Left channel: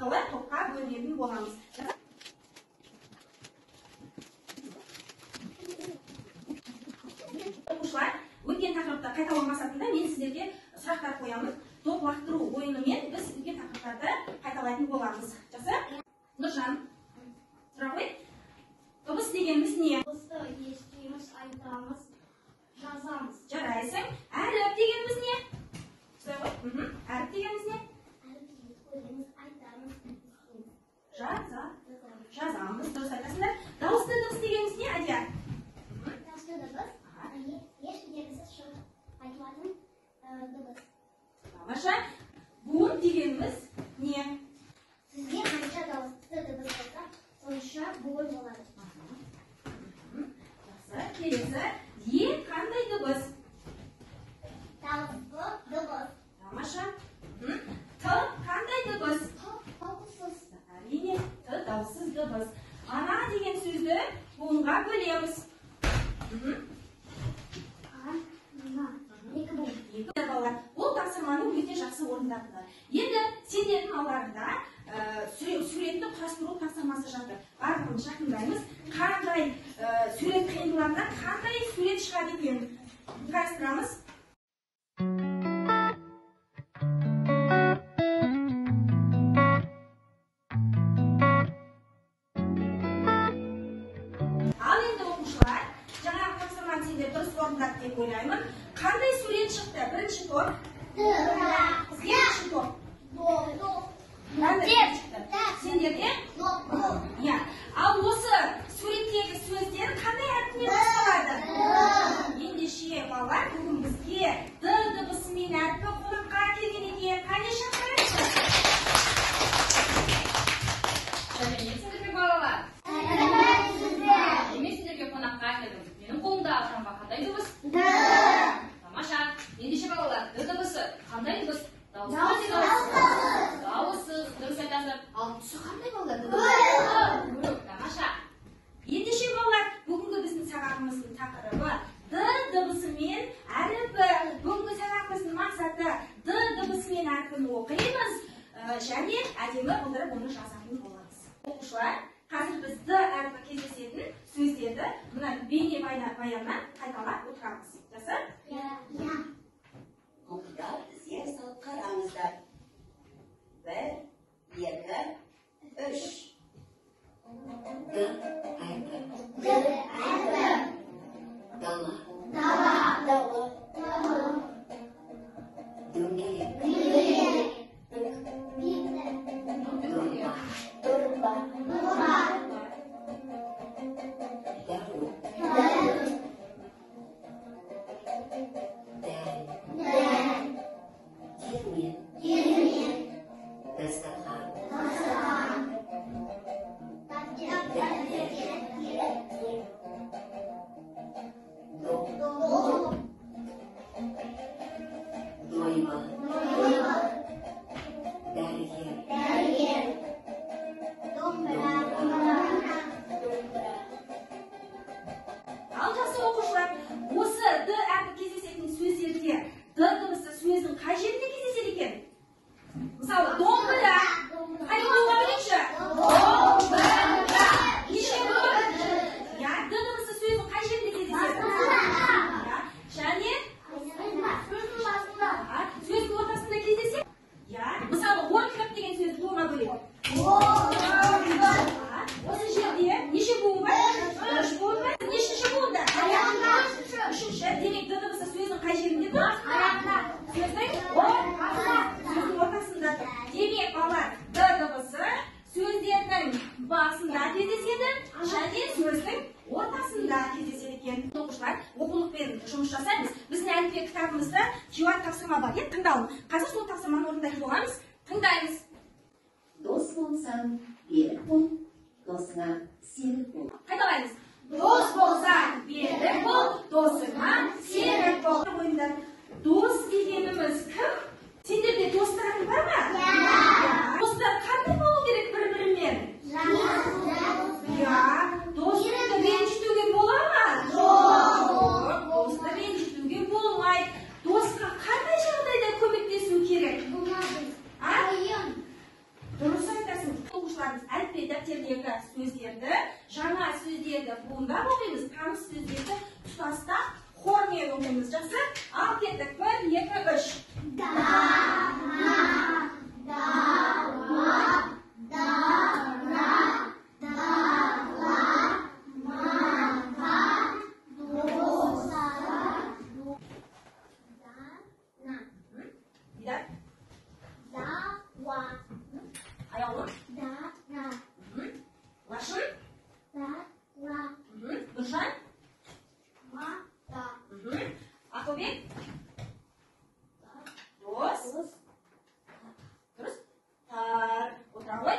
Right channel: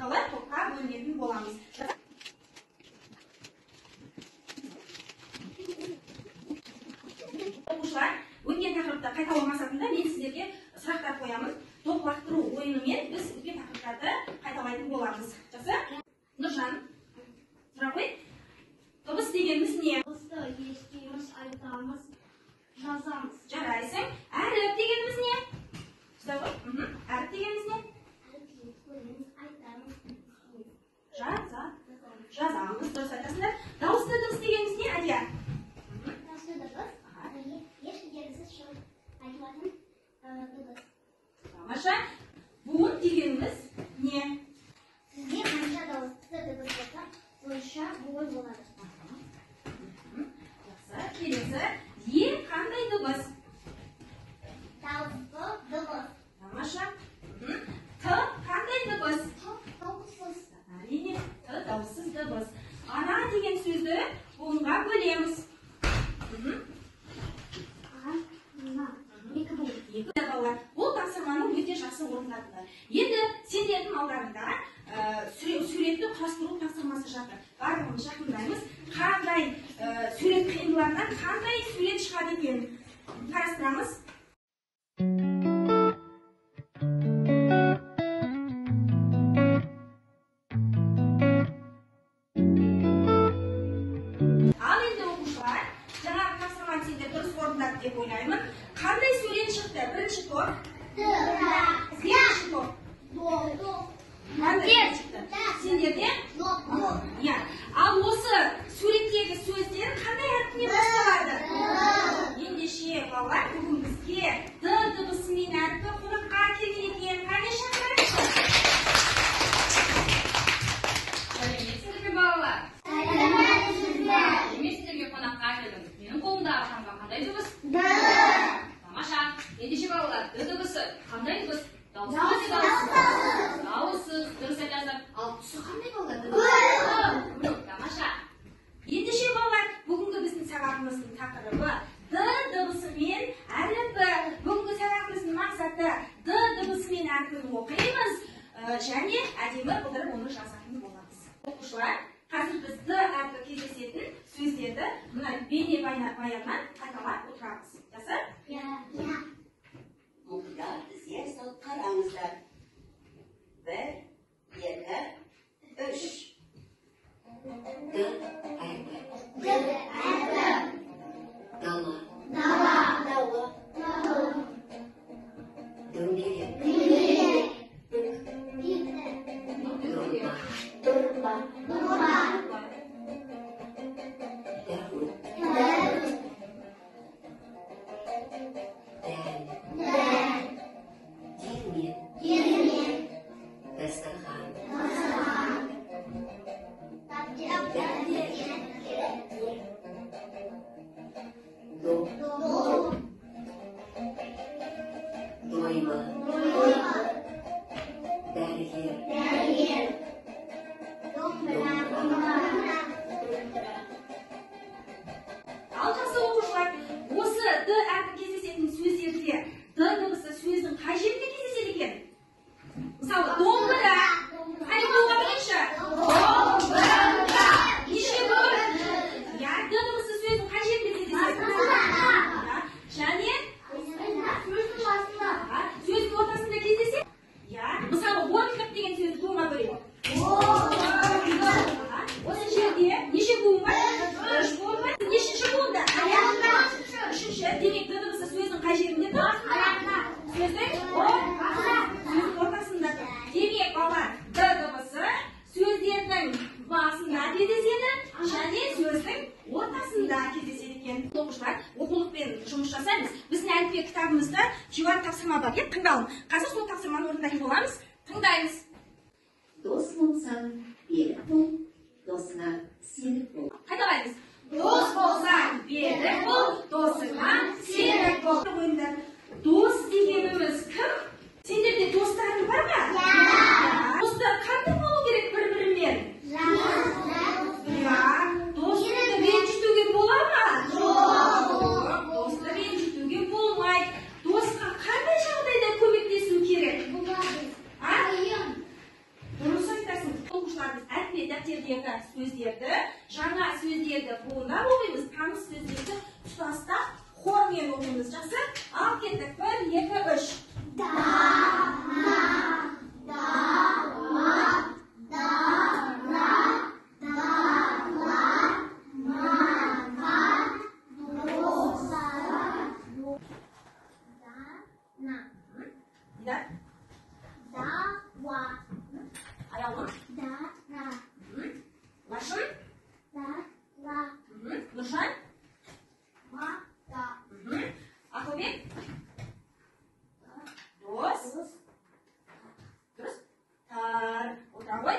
арқылы топқа бөлінетін боламыз. Оқушылар, өткен тақырыпты қайталау мақсатында мен сіздерге сұрақтар қоямын. Топ лақтыру ойынымен біз өткен тақырыптарды қайталайтын боламыз. Жақсы? Нұржан, сұрақ қой. Дыбыс дегеніміз не? Дыбысты естиміз, айтамыз, жазамыз. Жарайсың. Әріп дегеніміз не? Әріп дегеніміз не? Жазамыз. Дұрыс айтасыңдар. Дауысты дыбыс дегеніміз не, Адия? Дауысты дыбыс ешкімсіз шығып айтылатын дыбыс. Тамаша. Буын дегеніміз не? Сізге қанша дауысты дыбыс болса, сонша буын болады. Жақсы. Келесі. Ең қандай дыбыс? Дауысты дыбыс. Тамаша. Т қандай дыбыс? Дауыссыз. Әрине, Т дауыссыз дыбыс. Ана деген сөзді буынға бөлеміз. Бұл тапсырманы өте жақсы орындадыңдар. Енді сендердің алдарында суретті құрастыру тапсырмасы жатыр. Барлығын жақындаймыз. Қандай сурет қиындылардан қандай сурет шығады екенін қарастырамыз. Ал енді оқушылар, жаңағы тапсырманы сендер дұрыс орындады деп ойлаймын. Қандай сурет шықты? Бірінші топ. Екінші топ. Сендерде? Ал осы суреттегі сөздер қандай әріппен басталады? Ендеше балалар, бүгін бізге Д дыбысымен әріпі қонаққа келген екен. Қане шақырыңыздар? Сәлеметсіздер балалар. Мен сіздерге қонаққа келдім. Менің қолымдағы шамға қандай дыбыс? Тамаша. Ендеше балалар, Д дыбысы қандай дыбыс? Дауыссыз. Дұрыс айтасыздар. Ал түсі қандай балалар? Тамаша. Ендеше балалар, бүгінгі біздің сағатымыздың тақырыбы Д дыбысымен әріпі. Бүгінгі сағатымыздың мақсаты Д дыбысымен әріпін оқимыз және әдемі қылдырып оны жазатын боламыз. Оқушылар, қазір біз Д әріпі кездесетін сөздерді мына бейнебаяннан қайталап отырамыз. Жақсы? Оқушылар, бізге салып қараңыздар. 1, 2, 3. Д әрпі. Дала. Дөңгелек. Дорба. Дәру. Диірмен. Дастархан. Дойма. Дәрігер. Ал жақсы оқушылар, осы Д әрпі кездесетін сөздерде Д дыбысы сөздің қай жерінде кездеседі екен? Мысалы, домбыра. Қай болға білейікші? Домбыра. Неше бол? Д дыбысы сөздің қай жерінде кездеседі? Және сөздің ортасында кездеседі? Мысалы, орындық деген сөзді болға бөлейік. Осы жерде неше буын бар? 3 буын бар. Нешінші буында? Үшінші. Демек, Д дыбысы сөздің қай жерінде тұр? Сөздің ортасында тұр. Демек, балалар, Д дыбысы сөздердің басында кездеседі және сөздің ортасында кездеседі екен. Оқушылар, оқулықпен жұмыс жасаймыз. Біздің әліппе кітабымызда теория тапсырма бар. Тыңдалың. Қазір сол тапсырманы орындайтын боламыз. Тыңдаймыз. Дос болсаң, берік бол, досыңа серік бол. Қайталаймыз. Дос болсаң, берік бол, досыңа серік бол. Ойындар, дос дегеніміз кім? Сендерде достарың бар ма? Достар қандай болу керек бір-бірімен? Достарды ренжітуге бола ма? Досты ренжітуге болмайды. Досқа қандай жағдайда көмектесу керек? Дұрыс айтасың. дәптердегі сөздерді, жаңа сөздерді буындап оқимыз, таныс сөздерді тұтастап хормен оқимыз. Жақсы? Ал кеттік. 1, 2, 3. Аяулы. Лашын. Нұржан. Ақылбек. Дос. Дұрыс. Отыра ғой.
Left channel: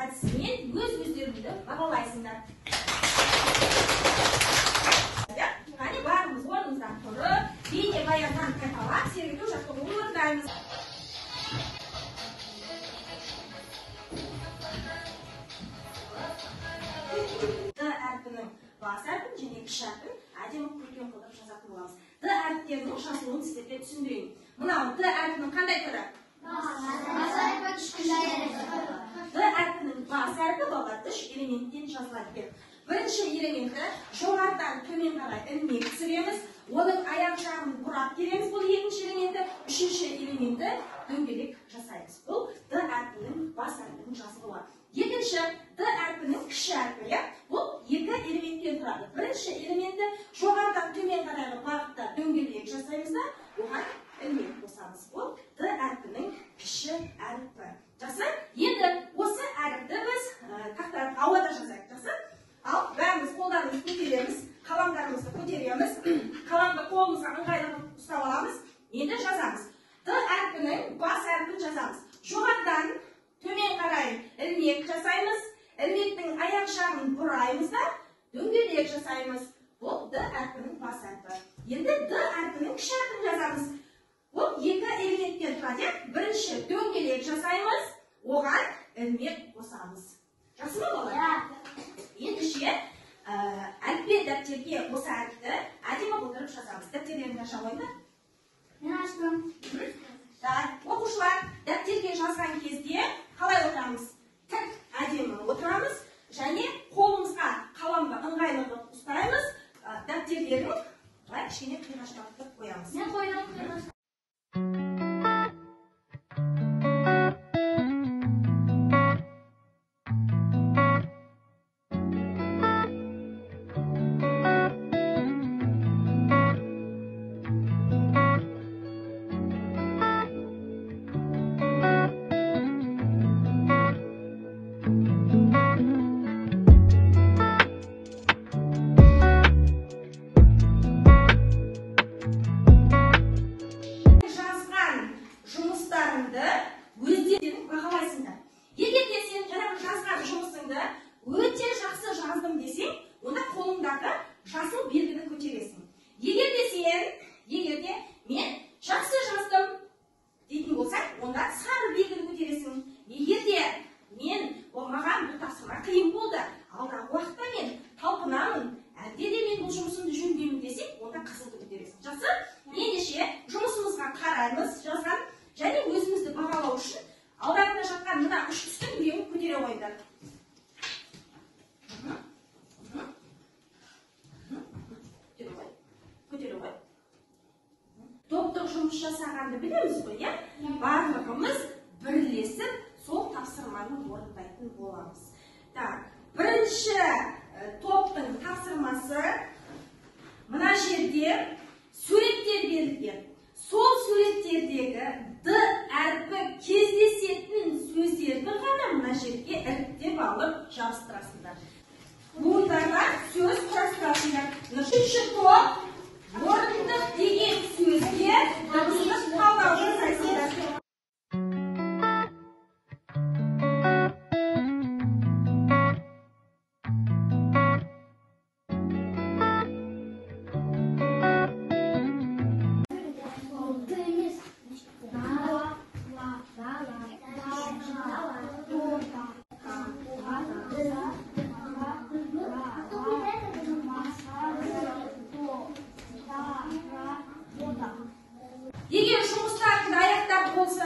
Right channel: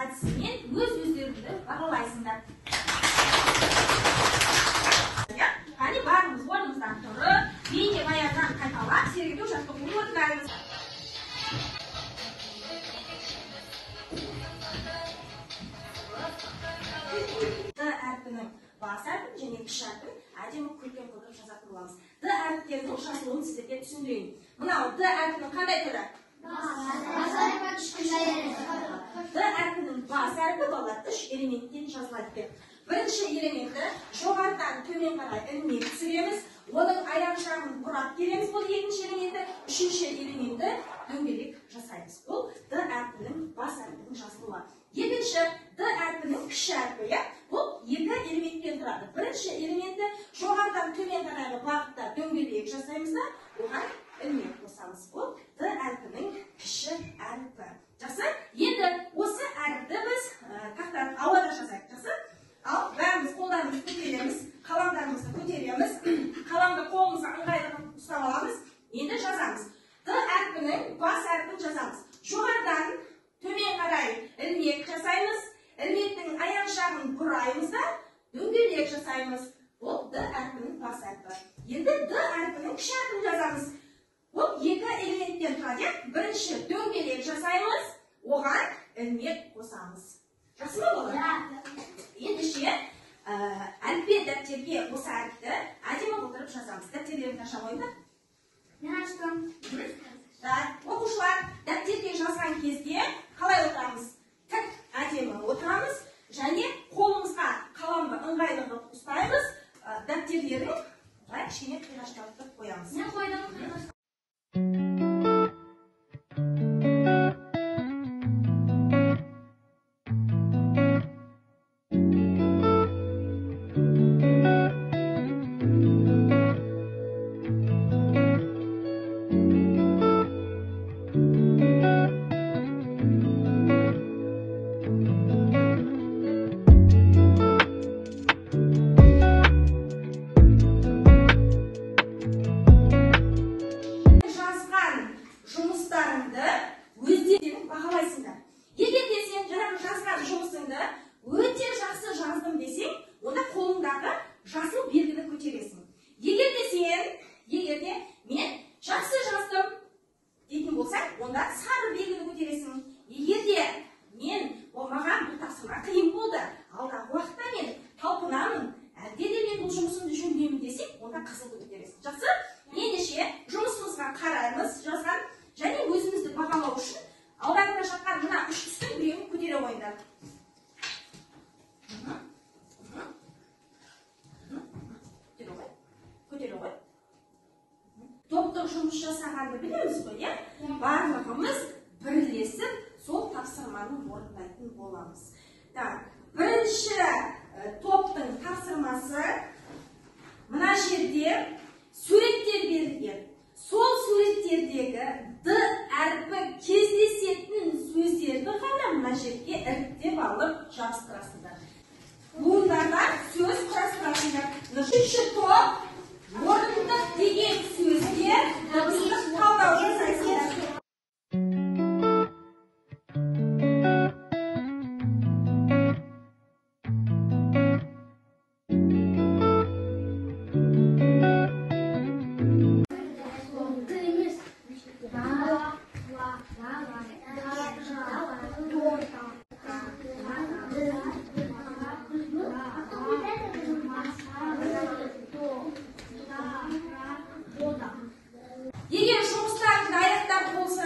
Әдісімен өз-өздеріңді бағалайсыңдар. Қане бәріміз орнымыздан тұрып, бейнебаяннан қайталап, серуендеу жаттығуын орындаймыз. Д әрпінің бас әрпін және кіші әрпін әдемі көркем қылып жазатын боламыз. Д әріптерінің жазылуын сіздерге түсіндірейін. Мынау Д әрпінің қандай түрі? Д әрпінің бас әрпі балалар 3 элементтен жазылады. Бірінші элементі жоғарыдан төмен қарай ілмек түсіреміз. Оның аяқ жағын бұрап береміз. Бұл екінші элементі. Үшінші элементі дөңгелек жасаймыз. Бұл Д әрпінің бас әрпінің жазылуы. Екінші Д әрпінің кіші әрпі. Бұл екі элементтен тұрады. Бірінші элементі жоғарыдан төмен қарайғы бағытта дөңгелек жасаймыз да, оған ілмек қосамыз. Бұл Д әрпінің кіші әрпі. Жақсы? Енді осы әріпті біз тақтан ауада жазайық. Жақсы? Ал бәріміз қолдарымызды көтереміз, қаламдарымызды көтереміз, қаламды қолымызға ыңғайлы ұстап аламыз. Енді жазамыз. Д әрпінің бас әрпін жазамыз. Жоғарыдан төмен қарай ілмек жасаймыз. Ілмектің аяқ жағын бұраймыз да, дөңгелек жасаймыз. Бұл Д әрпінің бас әрпі. Енді Д әрпінің кіші әрпін жазамыз. Бұл екі элементтен тұрады. Бірінші дөңгелек жасаймыз, оған ілмек қосамыз. Жақсы ма балалар? Ендеше әліппе дәптерге осы әріпті әдемі қылдырып жазамыз. Дәптерлеріңді аша қойыңдар. Мен аштым. Оқушылар дәптерге жазған кезде қалай отырамыз? Тік әдемі отырамыз және қолымызға қаламды ыңғайлы ұстаймыз. Дәптердерін кішкене қиғаштатып қоямыз. Мен қойдым. Топтық жұмыс жасағанды білеміз ғой, иә? Барлығымыз бірлесіп сол тапсырманы орындайтын боламыз. Бірінші топтың тапсырмасы мына жерде суреттер берілген. Сол суреттердегі Д әрпі кездесетін сөздерді ғана мына жерге іріктеп алып жабыстырасыңдар. Буындардан сөз құрастырасыңдар. Үшінші топ орындық деген сөзге дыбыстық талдау жасайсыңдар. Егер жұмыстарыңды аяқтап болса,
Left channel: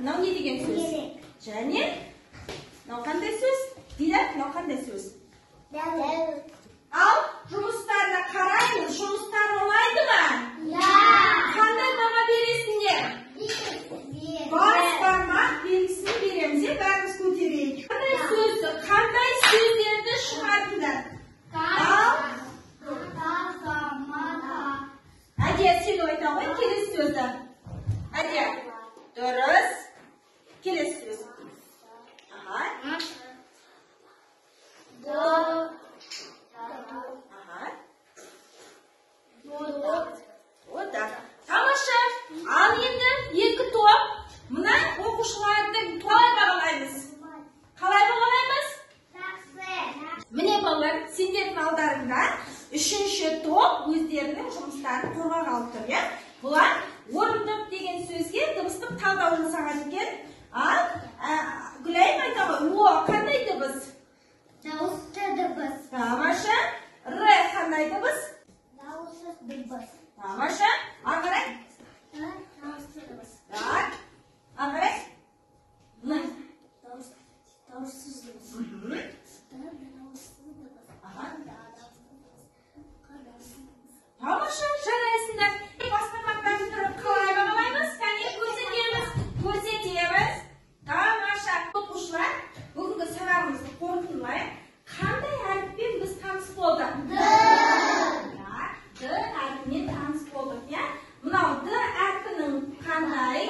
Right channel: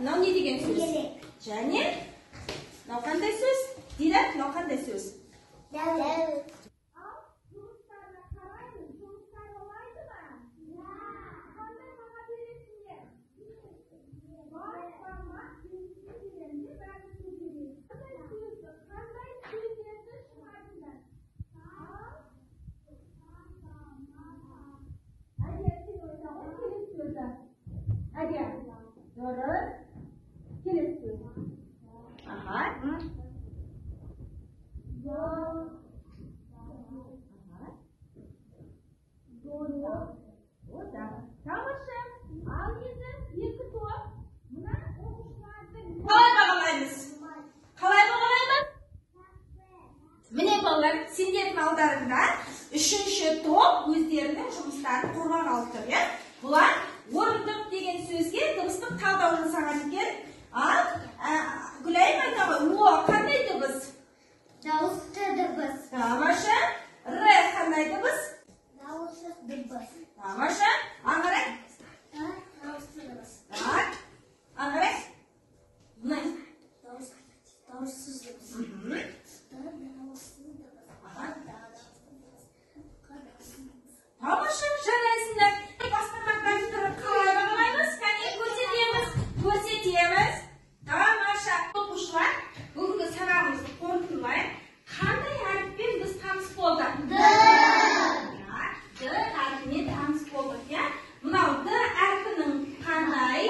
мынау не деген сөз? Және мынау қандай сөз? Дидар, мынау қандай сөз? Ал жұмыстарына қараймыз. Жұмыстар оңайды ма? Қандай баға бересіңдер? Бас бармақ белгісін береміз. Бәріміз көтерейік. Қандай сөздерді шығардыңдар? Әдия, сен айта ғой келесі сөзді. Әдия, дұрыс. Келесі сөз. Ага. Тамаша. Ал енді екі топ. Мына оқушылардың тобын бағалаймыз. Қалай бағалаймыз? Міне балалар, сендердің алдарында үшінші топ өздерінің жұмыстарын қорғап алып тұр, иә? Бұлар орындық деген сөзге дыбыстық талдау жасаған екен. Ал Гүлайым айта ғой, о қандай дыбыс? Дауысты дыбыс. Тамаша. Р қандай дыбыс? Дауыссыз дыбыс. Тамаша. Аңғарай? Дауысты дыбыс. Так. Аңғарай? Дауыссыз дыбыс. Тамаша, жарайсыңдар. Басқармақтарымызды қалай бағалаймыз? Кәне көрсетеміз. Тамаша. Оқушылар, бүгінгі сабағымызды қорытындылайық. Қандай әріппен біз таныс болдық? Д әрпімен таныс болдық, иә? Мынау Д әрпінің қандай?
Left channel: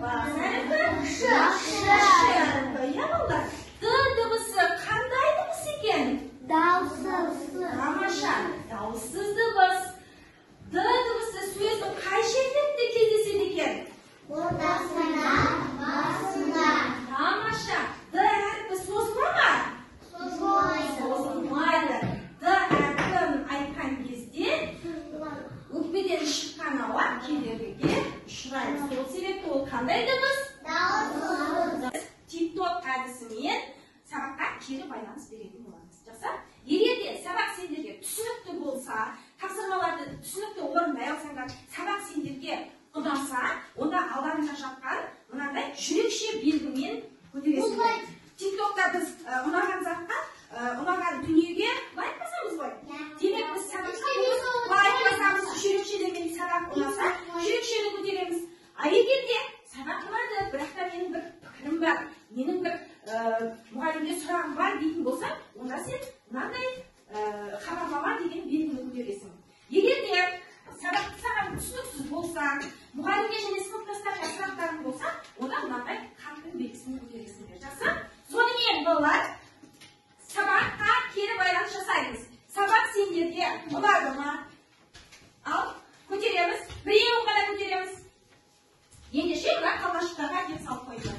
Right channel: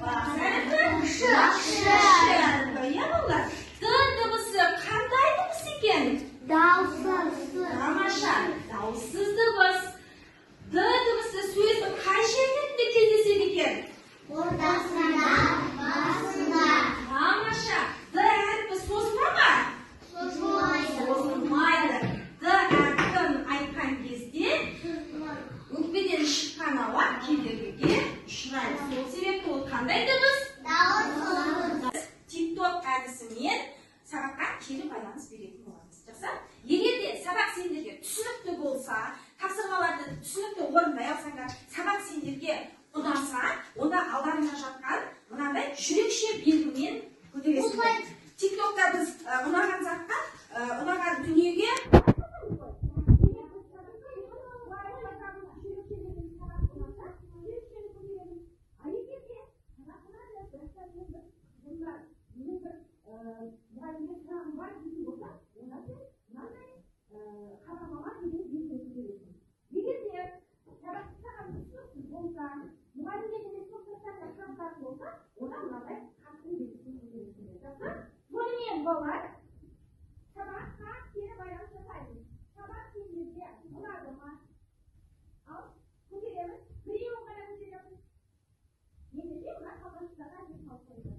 Бас әрпі? Ш әрпі, иә балалар? Д дыбысы қандай дыбыс екен? Дауыссыз. Тамаша, дауыссыз дыбыс. Д дыбысы сөздің қай жерінде кездеседі екен? Ортасында, басында. Тамаша, Д әрпі созыла ма? Созылмайды. Д әрпін айтқан кезде өкпеден шыққан ауа кедергіге ұшырайды. Сол себепті ол қандай дыбыс? Дауыссыз. TikTok әдісімен сабаққа кері байланыс беретін боламыз. Жақсы? Егер де сабақ сендерге түсінікті болса, тапсырмаларды түсінікті орындай алсаңдар, сабақ сендерге ұнаса, онда алдарында жатқан мынандай жүрекше белгімен көтересіңдер. TikTokта біз ұнаған затқа, ұнаған дүниеге айтпасамыз ғой. Демек біз сабаққа айтпасамыз жүрекшелермен сабақ ұнаса, жүрекшені көтереміз. А егер де сабақ ұнады, бірақ та менің бір пікірім бар, менің бір мұғалімге сұрағым бар дейтін болса, онда сен мынандай хабарлама деген белгіні көтересің. Егер де сабақты саған түсініксіз болса, мұғалімге және сыныптастарға сұрақтарың болса, онда мынандай қарпін белгісін көтересіңдер. Жақсы? Сонымен балалар, сабаққа кері байланыс жасаймыз. Сабақ сендерге ұнады ма? Ал көтереміз. Біреуін ғана көтереміз. Ендеше мына қалашықтарға әкеп салып қойды.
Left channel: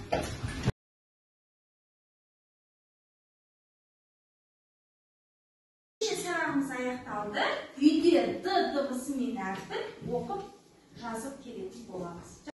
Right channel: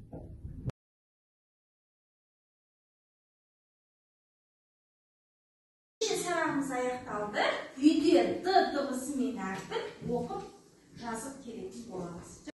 Сабағымыз аяқталды. Үйде Д дыбысы мен әріпін оқып жазып келетін боламыз.